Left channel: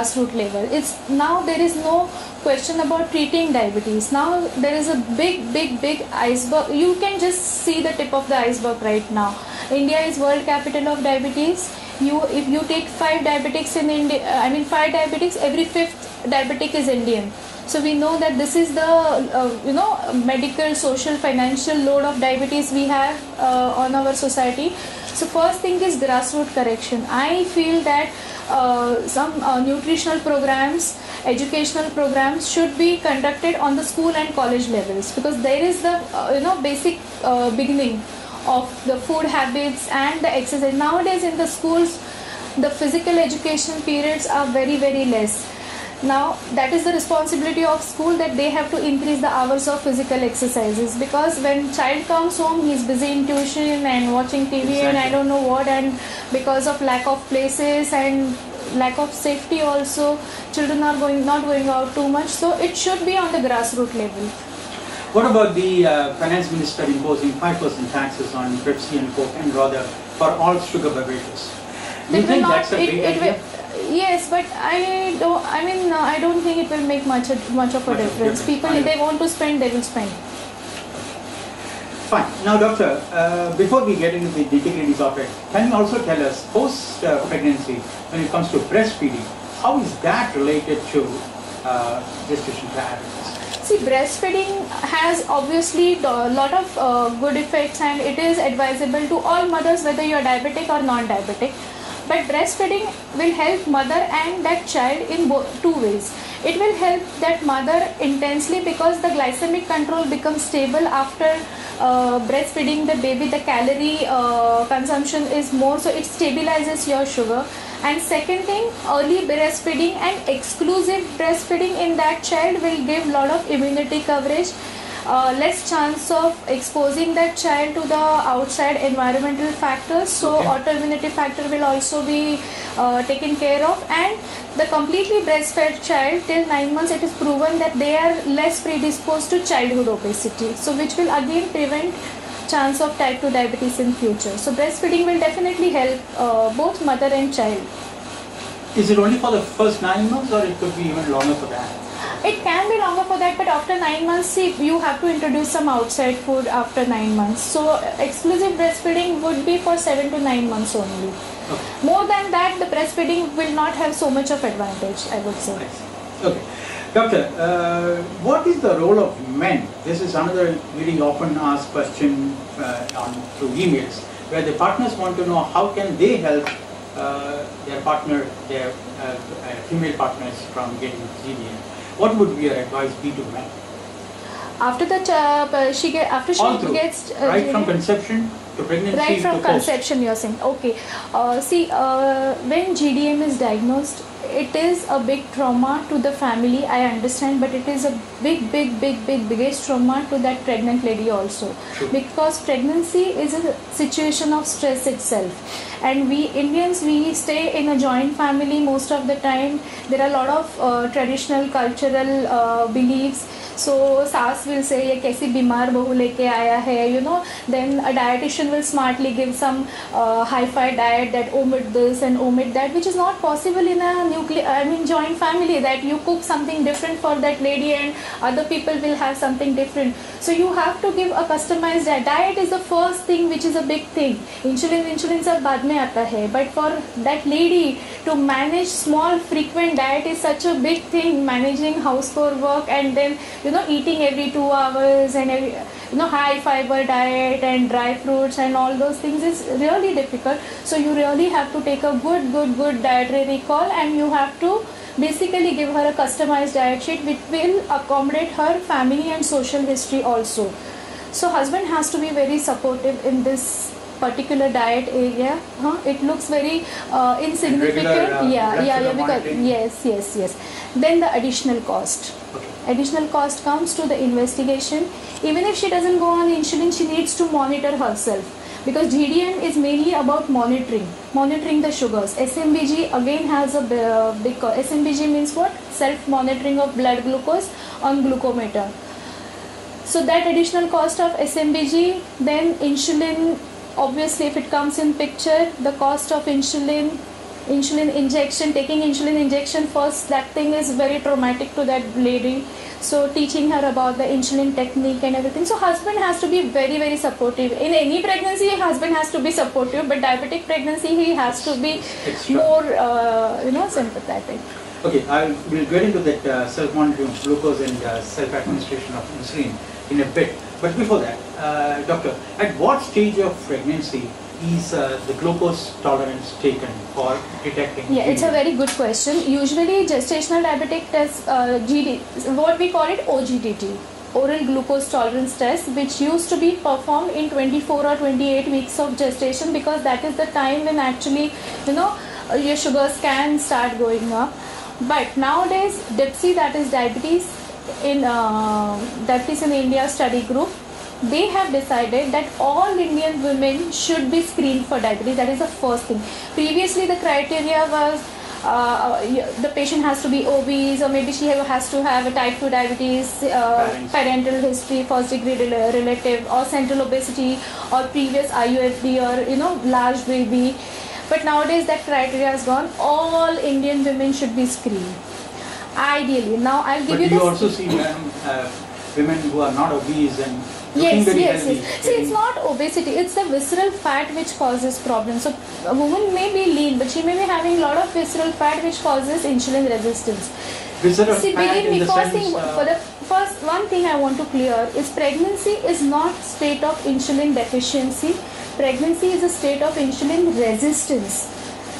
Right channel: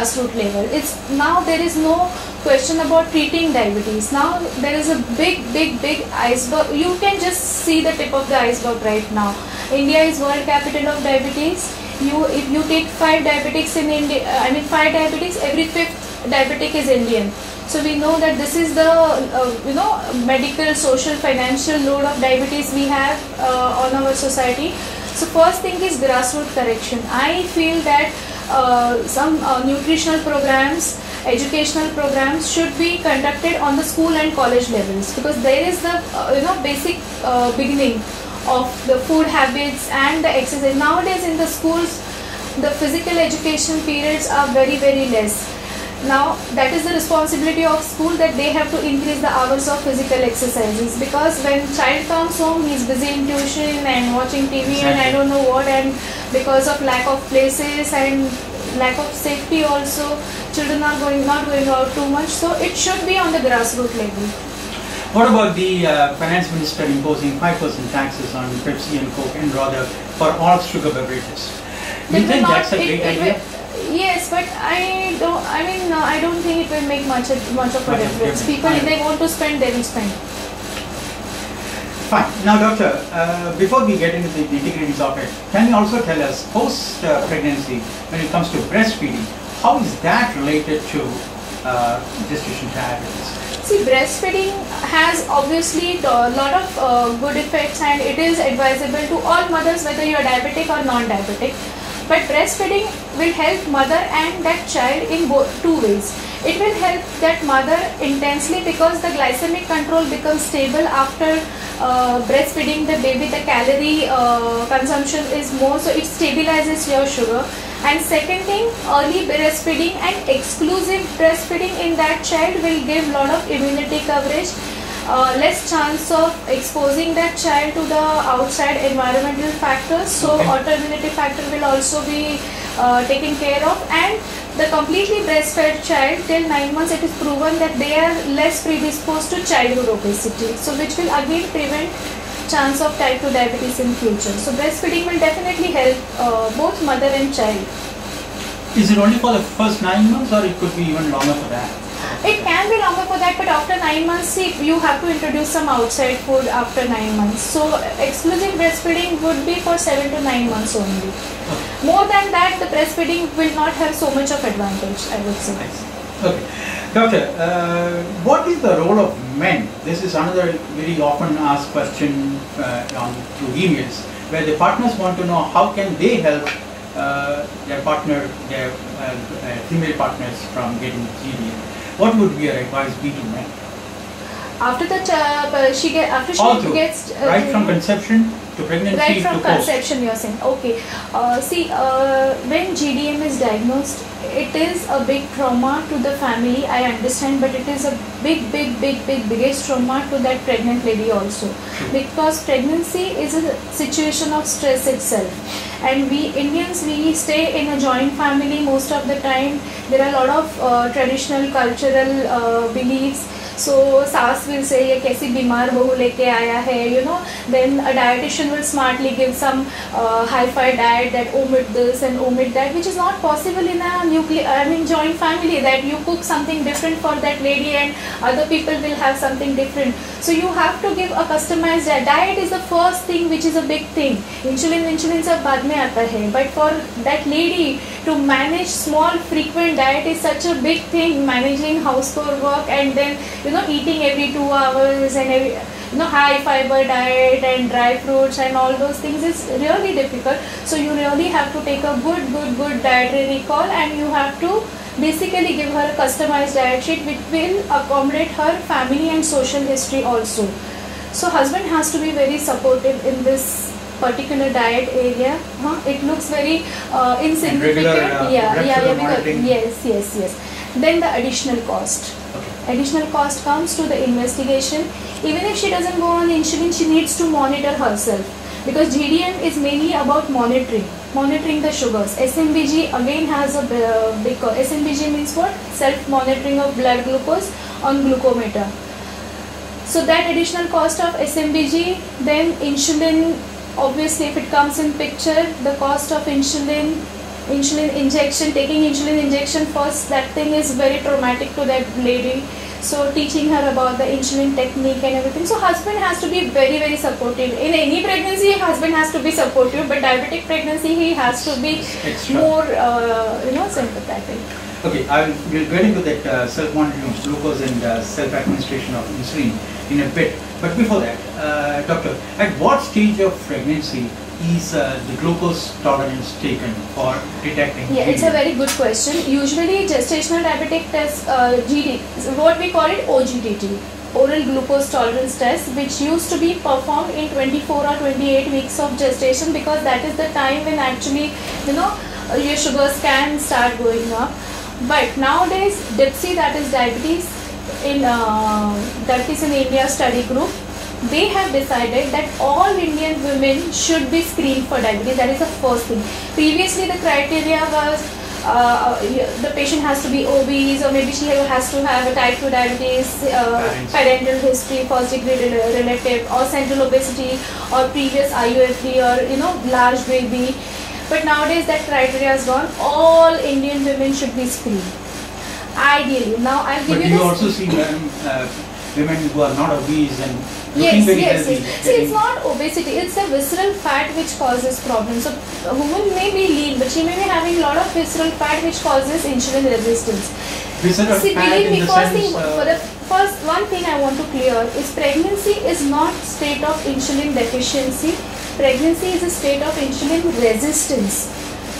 grassroots level. It's now there is no question about treating diabetes. Now there is a big iceberg. You can just see the tip of the iceberg right now. India is world capital of diabetes. If you take 5 diabetics in India, 5 diabetics, every 5th diabetic is Indian. So we know that this is the medical, social, financial load of diabetes we have on our society. So first thing is grassroots correction. I feel that some nutritional programs, educational programs should be conducted on the school and college levels, because there is the basic beginning of the food habits and the exercise. Nowadays in the schools, the physical education periods are very less. Now that is the responsibility of school, that they have to increase the hours of physical exercises, because when child comes home, he is busy in tuition and watching TV and I don't know what, and because of lack of places and lack of safety also, children are not going out too much. So it should be on the grassroots level. What about the finance minister imposing 5% taxes on Pepsi and Coke and rather for all sugar beverages? That will not. It will. Yes, but I don't think it will make much of a difference. People, if they want to spend, they will spend. Fine. Now, doctor, before we get into the nitty-gritties of it, can you also tell us post-pregnancy, when it comes to breastfeeding, how is that related to gestation diabetes? See, breastfeeding has obviously a lot of good effects, and it is advisable to all mothers, whether you are diabetic or non-diabetic. But breastfeeding will help mother and that child in two ways. It will help that mother intensely, because the glycemic control becomes stable after breastfeeding the baby. The calorie consumption is more, so it stabilizes your sugar. And second thing, early breastfeeding and exclusive breastfeeding in that child will give lot of immunity coverage, less chance of exposing that child to the outside environmental factors. So autoimmunity factor will also be taken care of, and the completely breastfed child till 9 months, it is proven that they are less predisposed to childhood obesity, so which will again prevent chance of type 2 diabetes in future. So breastfeeding will definitely help both mother and child. Is it only for the first 9 months, or it could be even longer for that? It can be longer for that, but after 9 months, see, you have to introduce some outside food after 9 months. So exclusive breastfeeding would be for 7 to 9 months only. Okay. More than that, the breastfeeding will not have so much of advantage, I would say. Okay. Doctor, what is the role of men? This is another very often asked question through emails, where the partners want to know how can they help their partner, their female partners from getting GDM. What would your advice be to men? After she gets right from conception to pregnancy. Right from conception, you're saying. Okay. When GDM is diagnosed, it is a big trauma to the family, I understand, but it is a biggest trauma to that pregnant lady also, because pregnancy is a situation of stress itself, and we Indians, we stay in a joint family most of the time. There are a lot of traditional cultural beliefs. So saas will say ye kaisi bimar bahu leke aaya hai, then a dietitian will smartly give some hi-fi diet that omit this and omit that, which is not possible in a joint family, that you cook something different for that lady and other people will have something different. So you have to give a customized diet. Diet is the first thing, which is a big thing. Insulin sab baad mein aata hai, but for that lady to manage small frequent diet is such a big thing, managing household work and then eating every 2 hours and high fiber diet and dry fruits and all those things is really difficult. So you really have to take a good dietary recall, and you have to basically give her a customized diet sheet which will accommodate her family and social history also. So husband has to be very supportive in this particular diet area. It looks very insignificant. Because yes. Then the additional cost. Additional cost comes to the investigation. Even if she doesn't go on insulin, she needs to monitor herself, because GDM is mainly about monitoring the sugars. SMBG again has a big SMBG means what? Self-monitoring of blood glucose on glucometer. So that additional cost of SMBG, then insulin, obviously if it comes in picture, the cost of insulin, insulin injection, taking insulin injection first, that thing is very traumatic to that lady. So teaching her about the insulin technique and everything. So husband has to be very, very supportive. In any pregnancy, husband has to be supportive, but diabetic pregnancy, he has to be more, sympathetic. Okay, we'll get into that self-monitoring of glucose and self-administration of insulin in a bit. But before that, doctor, at what stage of pregnancy is the glucose tolerance taken for detecting? Yeah, it's a very good question. Usually, gestational diabetic test, GD, what we call it OGTT, oral glucose tolerance test, which used to be performed in 24 or 28 weeks of gestation, because that is the time when actually, your sugars can start going up. But nowadays, DIPSI, that is diabetes in India study group, they have decided that all Indian women should be screened for diabetes. That is the first thing. Previously, the criteria was the patient has to be obese, or maybe she has to have a type 2 diabetes, parental history, first degree relative, or central obesity, or previous IUFD, or large baby. But nowadays that criteria is gone. All Indian women should be screened. Ideally, now I'll give you this. You also see women who are not obese and yes. See, it's not obesity, it's the visceral fat which causes problems. So a woman may be lean, but she may be having a lot of visceral fat which causes insulin resistance. See, believe me, first one thing I want to clear is pregnancy is not state of insulin deficiency. Pregnancy is a state of insulin resistance.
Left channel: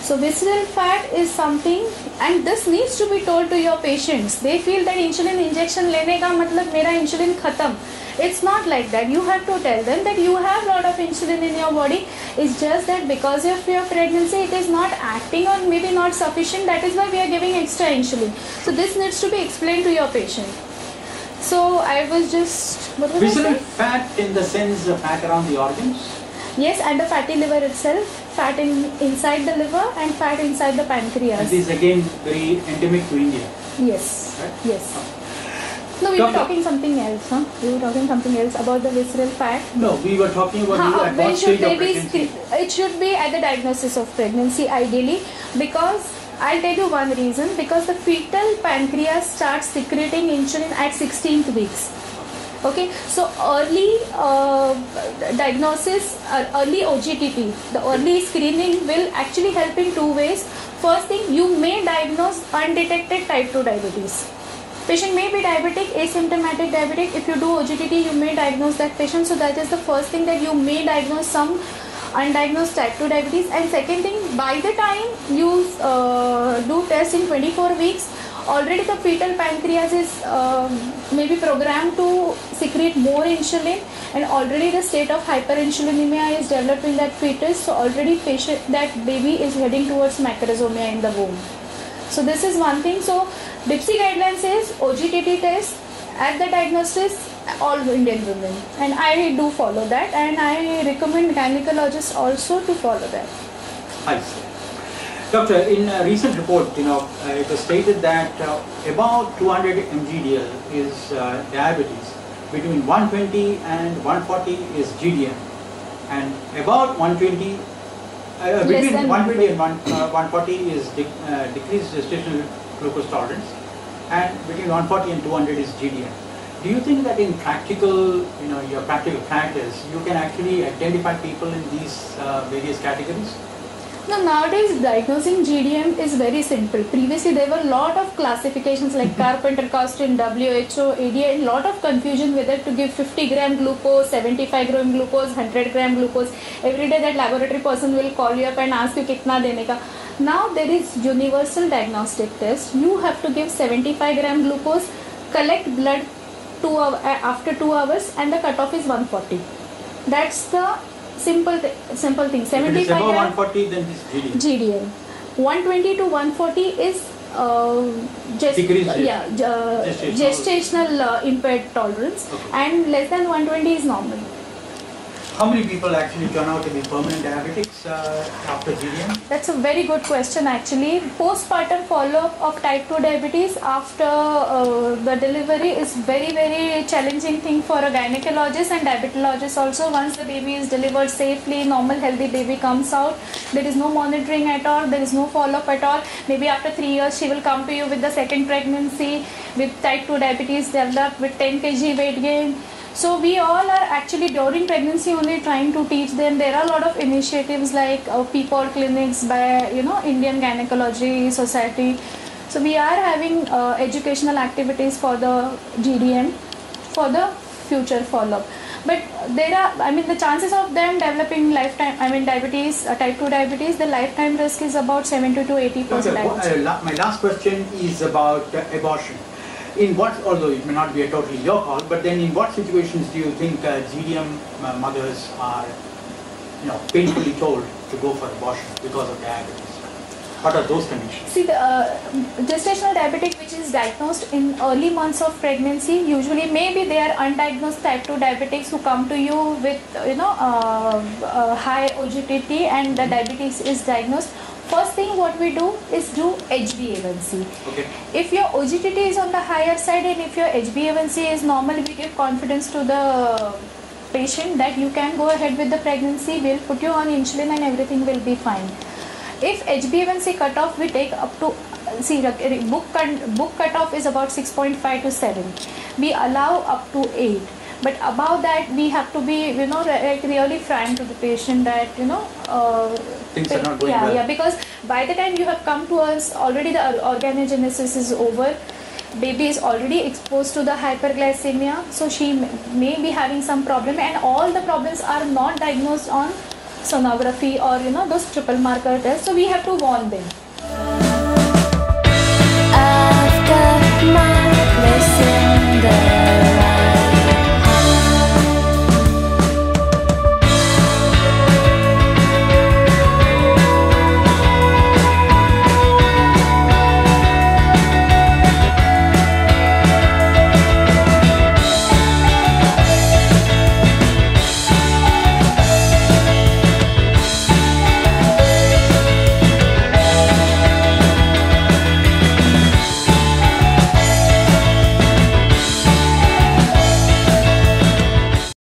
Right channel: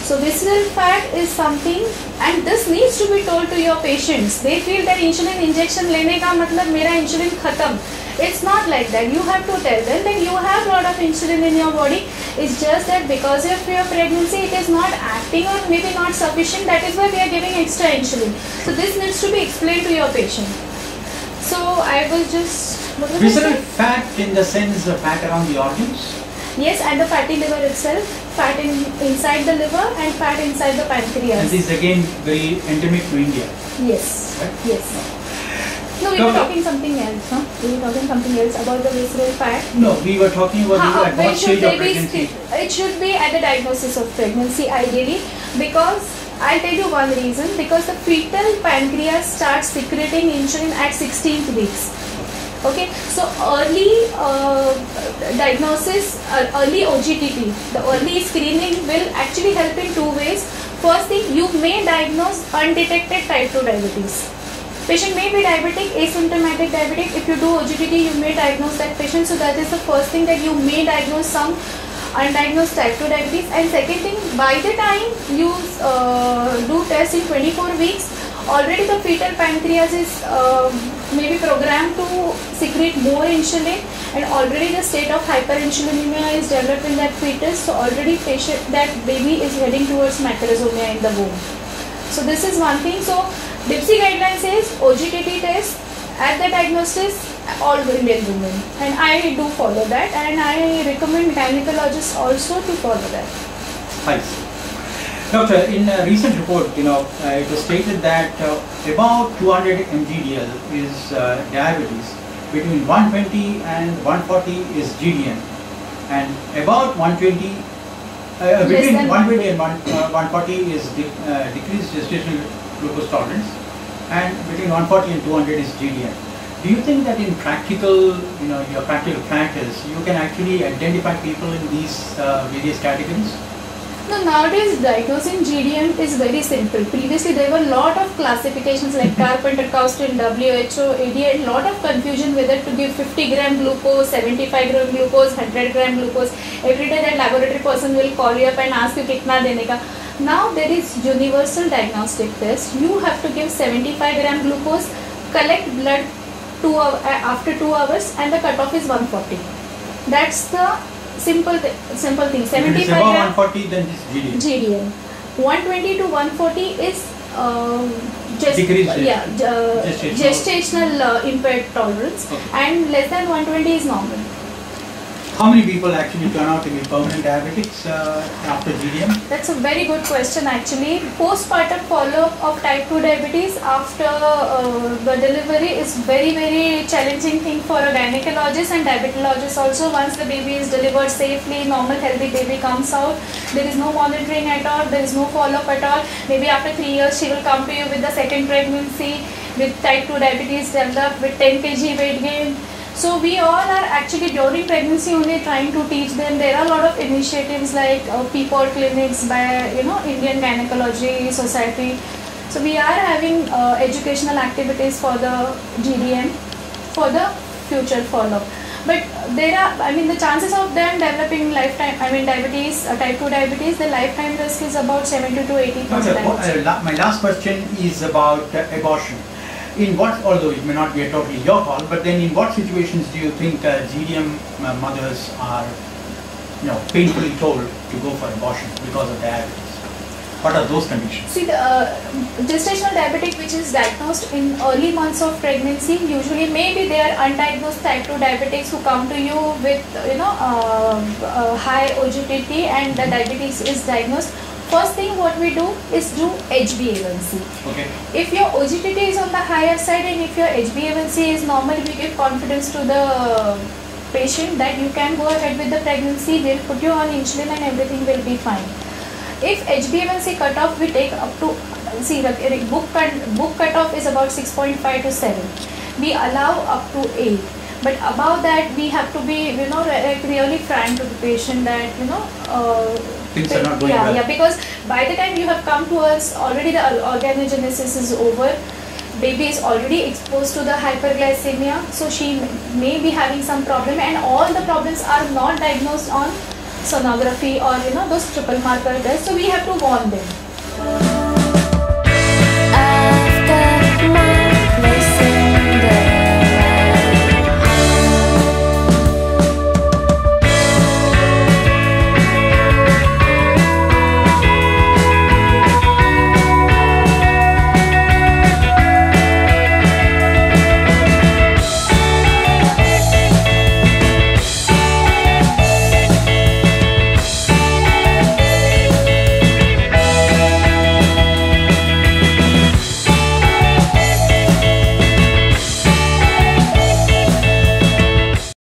So visceral fat is something, and this needs to be told to your patients. They feel that insulin injection lene ka matlab mera insulin khatam. It's not like that. You have to tell them that you have a lot of insulin in your body. It's just that because of your pregnancy, it is not acting or maybe not sufficient. That is why we are giving extra insulin. So this needs to be explained to your patient. So I was just, what was I saying? Visceral fat in the sense of fat around the organs? Yes, and the fatty liver itself, fat inside the liver and fat inside the pancreas. This is again very endemic to India. Yes, right? Yes. No, we were talking something else, huh? We were talking something else about the visceral fat. No, we were talking about when should they be it should be at the diagnosis of pregnancy ideally, because I'll tell you one reason, because the fetal pancreas starts secreting insulin at 16th weeks. Okay, so early diagnosis, early OGTT, the early screening will actually help in two ways. First thing, you may diagnose undetected type 2 diabetes. Patient may be diabetic, asymptomatic diabetic. If you do OGTT, you may diagnose that patient. So that is the first thing, that you may diagnose some undiagnosed type 2 diabetes. And second thing, by the time you do test in 24 weeks, already the fetal pancreas is maybe programmed to secrete more insulin, and already the state of hyperinsulinemia is developed in that fetus. So already that baby is heading towards macrosomia in the womb. So this is one thing. So DIPSI guideline says OGTT test at the diagnosis all Indian women, and I do follow that, and I recommend gynecologists also to follow that. Nice. Doctor, in a recent report, it was stated that about 200 mgdl is diabetes, between 120 and 140 is GDM, and about 120, between 120 and 140 is decreased gestational glucose tolerance, and between 140 and 200 is GDM. Do you think that in practical, your practical practice, you can actually identify people in these various categories? No, nowadays diagnosing GDM is very simple. Previously there were a lot of classifications like Carpenter-Coustin, WHO, ADA, and lot of confusion whether to give 50 gram glucose, 75 gram glucose, 100 gram glucose. Every day that laboratory person will call you up and ask you kitna dene ka. Now there is universal diagnostic test. You have to give 75 gram glucose, collect blood after 2 hours, and the cutoff is 140. That's the simple thing. 75 gram 140, then GDM. 120 to 140 is gestational impaired tolerance, and less than 120 is normal. How many people actually turn out to be permanent diabetics after GDM? That's a very good question actually. Postpartum follow-up of type 2 diabetes after the delivery is very challenging thing for a gynecologist and diabetologist also. Once the baby is delivered safely, normal healthy baby comes out, there is no monitoring at all, there is no follow-up at all. Maybe after 3 years she will come to you with the second pregnancy with type 2 diabetes developed with 10 kg weight gain. So we all are actually during pregnancy only trying to teach them. There are a lot of initiatives like PPOD clinics by Indian Gynecology Society. So we are having educational activities for the GDM for the future follow-up. But there are, the chances of them developing lifetime, diabetes, type 2 diabetes, the lifetime risk is about 70 to 80%. My last question is about abortion. In what, although it may not be totally your call, but then in what situations do you think GDM mothers are, painfully told to go for abortion because of diabetes? What are those conditions? See, the gestational diabetic which is diagnosed in early months of pregnancy, usually maybe they are undiagnosed type 2 diabetics who come to you with high OGTT and the diabetes is diagnosed. First thing what we do is do HbA1c. Okay. If your OGTT is on the higher side and if your HbA1c is normal, we give confidence to the patient that you can go ahead with the pregnancy, we'll put you on insulin and everything will be fine. If HbA1c cutoff we take up to, book cutoff is about 6.5 to 7. We allow up to 8. But above that, we have to be, really frank to the patient that, because by the time you have come to us, already the organogenesis is over. Baby is already exposed to the hyperglycemia, so she may be having some problem, and all the problems are not diagnosed on sonography or, those triple marker tests. So we have to warn them. I've got my places.